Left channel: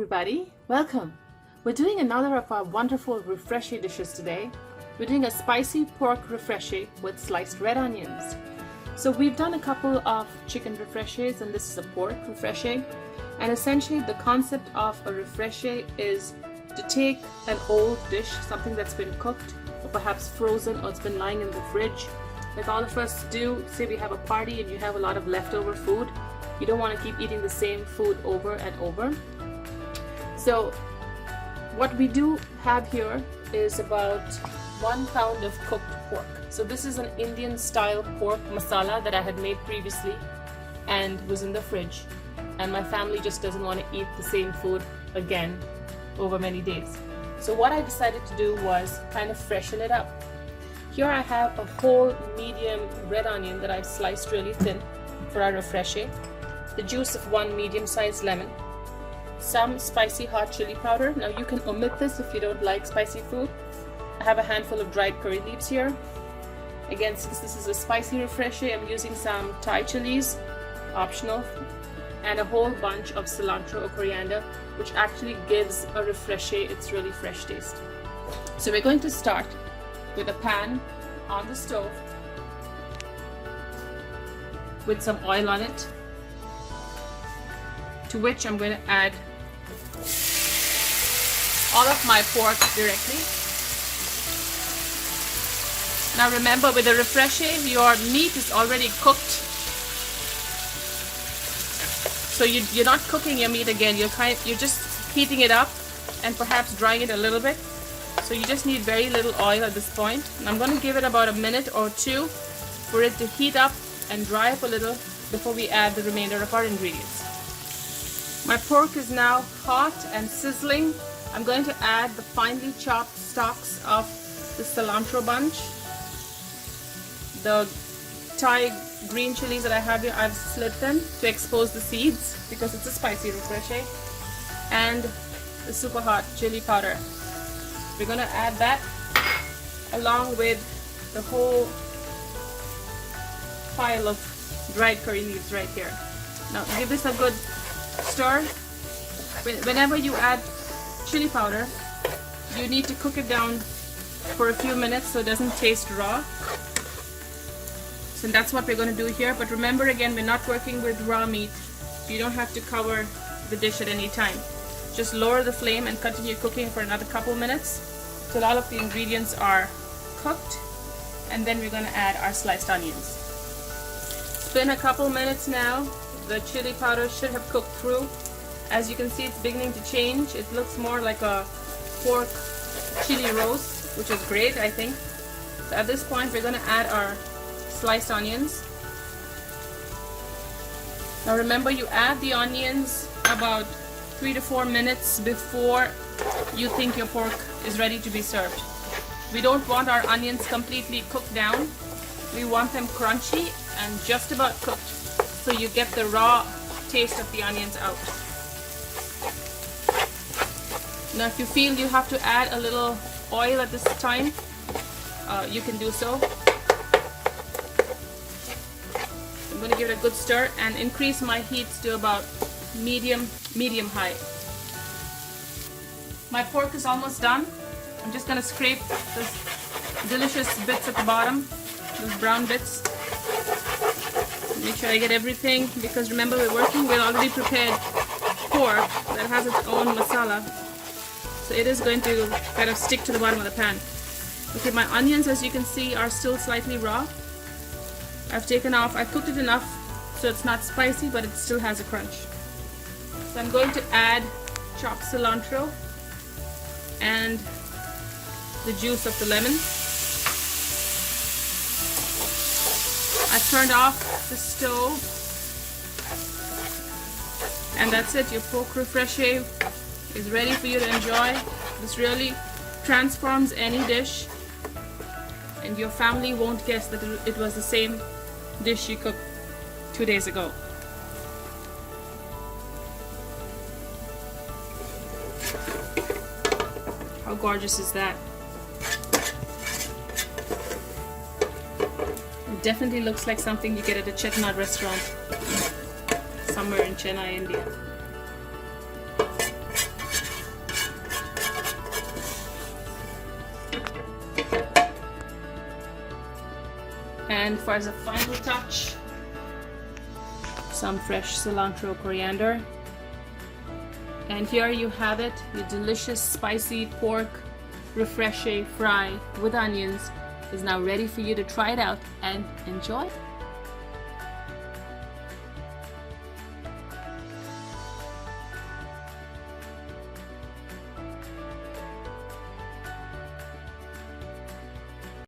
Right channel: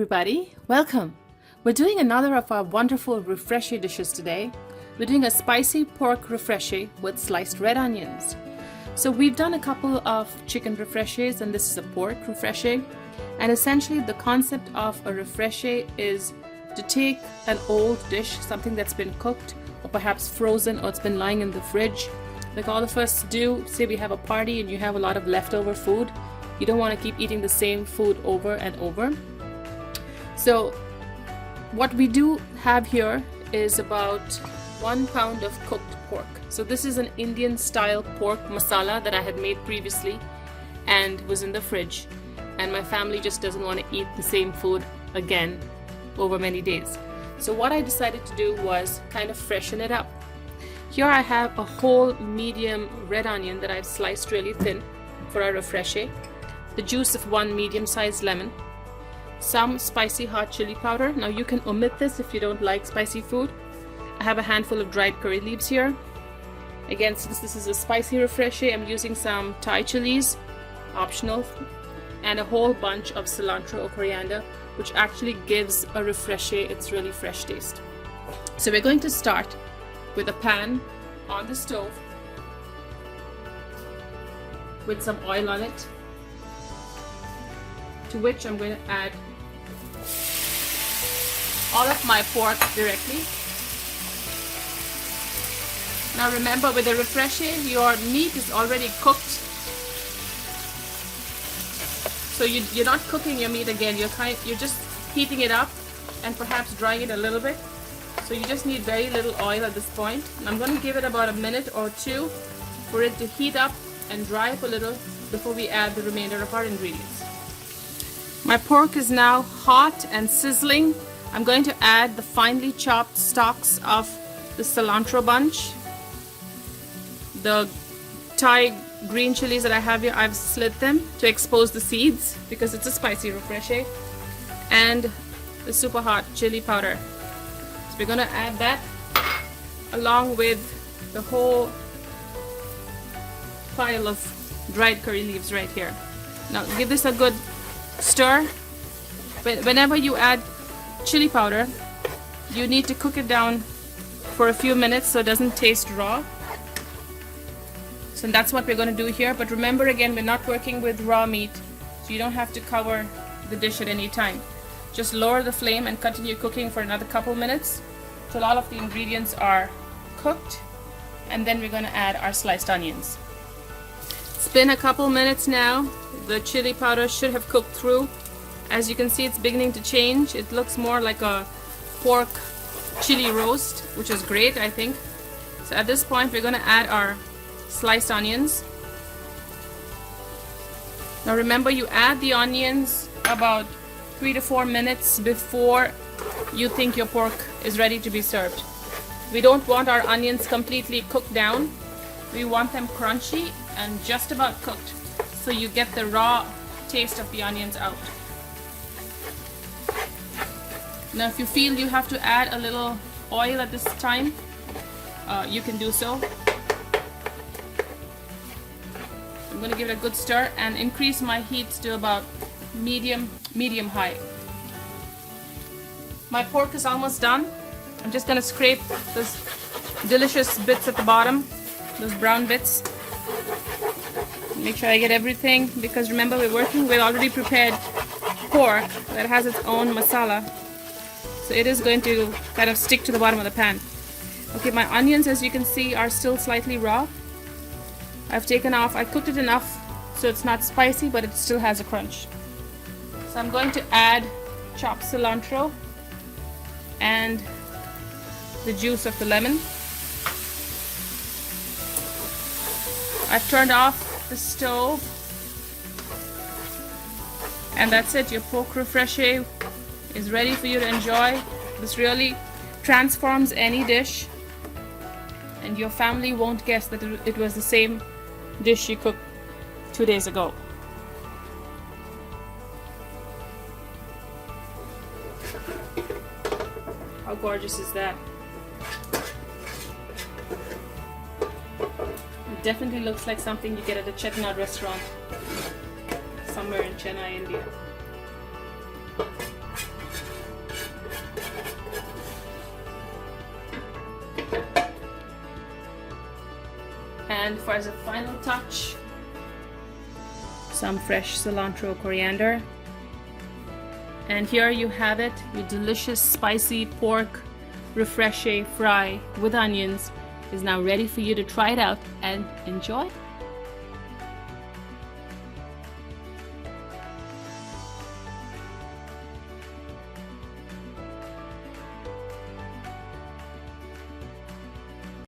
everybody, welcome. We're doing another of our wonderful Refreshe dishes today. We're doing a spicy pork Refreshe with sliced red onions. So we've done a couple of chicken Refreshes and this is a pork Refreshe. And essentially the concept of a Refreshe is to take an old dish, something that's been cooked or perhaps frozen or it's been lying in the fridge. Like all of us do, say we have a party and you have a lot of leftover food. You don't want to keep eating the same food over and over. So what we do have here is about 1 pound of cooked pork. So this is an Indian style pork masala that I had made previously and was in the fridge. And my family just doesn't want to eat the same food again over many days. So what I decided to do was kind of freshen it up. Here I have a whole medium red onion that I've sliced really thin for our Refreshe, the juice of 1 medium-sized lemon, some spicy hot chili powder. Now you can omit this if you don't like spicy food. I have a handful of dried curry leaves here. Again, since this is a spicy Refreshe, I'm using some Thai chilies, optional, and a whole bunch of cilantro or coriander, which actually gives a Refreshe its really fresh taste. So we're going to start with a pan on the stove with some oil on it, to which I'm going to add all of my pork directly. Now remember, with the Refreshe, your meat is already cooked. So you're not cooking your meat again, you're just heating it up and perhaps drying it a little bit. So you just need very little oil at this point. And I'm going to give it about a minute or two for it to heat up and dry up a little before we add the remainder of our ingredients. My pork is now hot and sizzling. I'm going to add the finely chopped stalks of the cilantro bunch. The Thai green chilies that I have here, I've slit them to expose the seeds because it's a spicy Refreshe. And the super hot chili powder. So we're going to add that along with the whole pile of dried curry leaves right here. Now give this a good stir. Whenever you add chili powder, you need to cook it down for a few minutes so it doesn't taste raw. So that's what we're going to do here. But remember, again, we're not working with raw meat, so you don't have to cover the dish at any time. Just lower the flame and continue cooking for another couple minutes till all of the ingredients are cooked, and then we're going to add our sliced onions. It's been a couple minutes now. The chili powder should have cooked through. As you can see, it's beginning to change. It looks more like a pork chili roast, which is great, I think. So at this point, we're going to add our sliced onions. Now remember, you add the onions about 3 to 4 minutes before you think your pork is ready to be served. We don't want our onions completely cooked down. We want them crunchy and just about cooked, so you get the raw taste of the onions out. Now if you feel you have to add a little oil at this time, you can do so. I'm going to give it a good stir and increase my heat to about medium high. My pork is almost done. I'm just going to scrape those delicious bits at the bottom, those brown bits. Make sure I get everything, because remember, we're working with already prepared pork that has its own masala. So it is going to kind of stick to the bottom of the pan. Okay, my onions, as you can see, are still slightly raw. I've taken off, I cooked it enough so it's not spicy, but it still has a crunch. So I'm going to add chopped cilantro and the juice of the lemon. I've turned off the stove, and that's it. Your pork Refreshe is ready for you to enjoy. This really transforms any dish, and your family won't guess that it was the same dish you cooked 2 days ago. How gorgeous is that? It definitely looks like something you get at a Chettinad restaurant somewhere in Chennai, India. And for as a final touch, some fresh cilantro, coriander. And here you have it, your delicious spicy pork refreshe fry with onions is now ready for you to try it out and enjoy.